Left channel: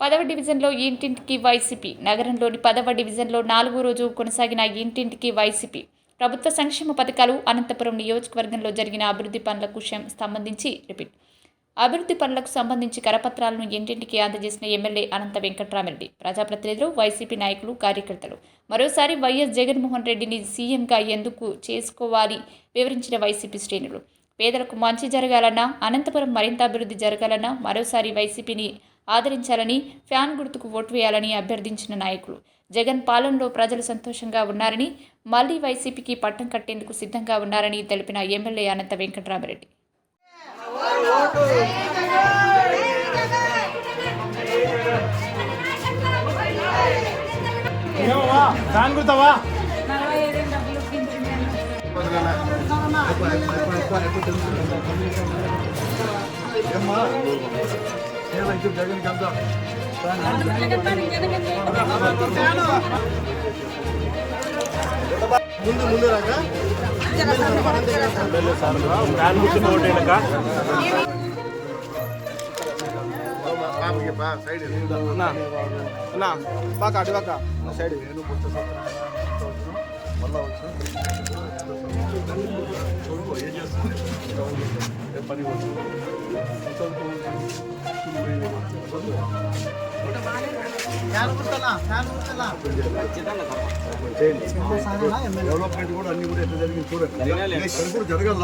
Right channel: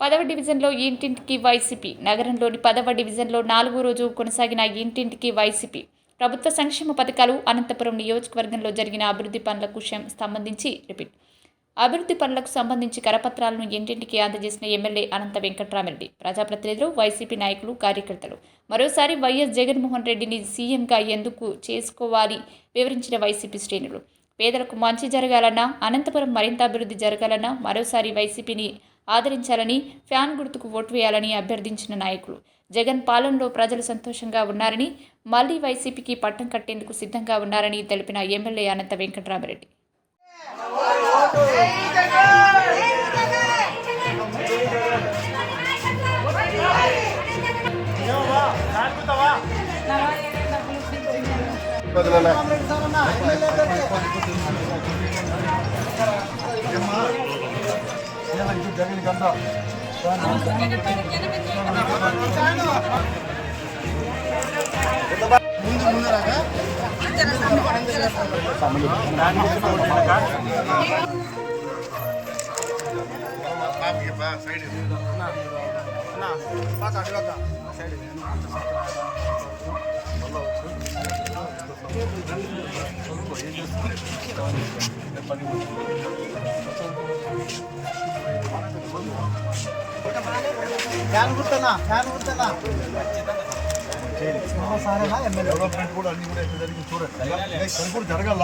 10వ డివిజన్లో ఇంటింటికి వైసీపీ. నగరంలోని 10వ డివిజన్లో 4వ రోజు కొనసాగిన ఇంటింటికి వైసీపీ ప్రభుత్వ సంక్షేమ పథకాలు. అనంతపురం నియోజకవర్గంలో జరిగిన అభివృద్ధి పనులకు అభివృద్ధి పనులకు సంబంధించి కరపత్రాలను ఇంటింటికి అందజేసిన ఎమ్మెల్యే అనంత వెంకట్రామిరెడ్డి, ప్రజాప్రతినిధులు, వైసీపీ నాయకులు, కార్యకర్తలు. మరోసారి వైఎస్ జగన్మోహన్ రెడ్డిని సీఎంగా ఎందుకు చేసుకోవాలి వివరించిన వైసీపీ శ్రేణులు. పేదలకు మంచి జరగాలన్నా, అనంతపురం మరింత అభివృద్ధి జరగాలన్నా మరోసారి వైసీపీని ఆదరించాలని, ఫ్యాన్ గుర్తుకు ఓటు వేయాలని అభ్యర్థించిన నాయకులు. జగన్ పాలనలో ప్రజలు సంతోషంగా ఉన్నారని, మళ్లీ వైసీపీకి పట్టం కట్టేందుకు సిద్ధంగా ఉన్నారని తెలిపిన ఎమ్మెల్యే అనంత వెంకట్రామిరెడ్డి. జగన్ కదా ముందు రాగా సైడ్ సైడ్ పని డెవలప్మెంట్ కూడా అన్ని కూడా ఎట్లా జరిగింది చూడండి. అది కూడా జరగాల,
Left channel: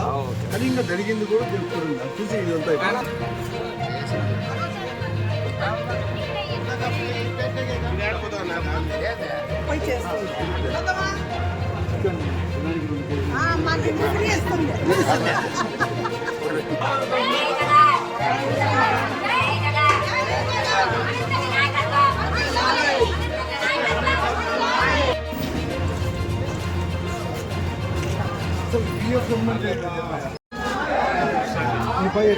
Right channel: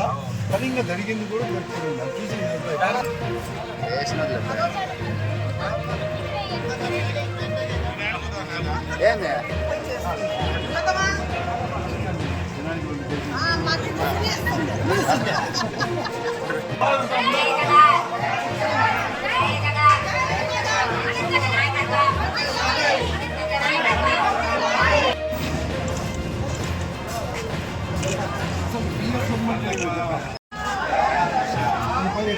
కానీ ఇంకా జరిగింది కూడా చూడండి. అది చూసి ఇదంతా రూపాయి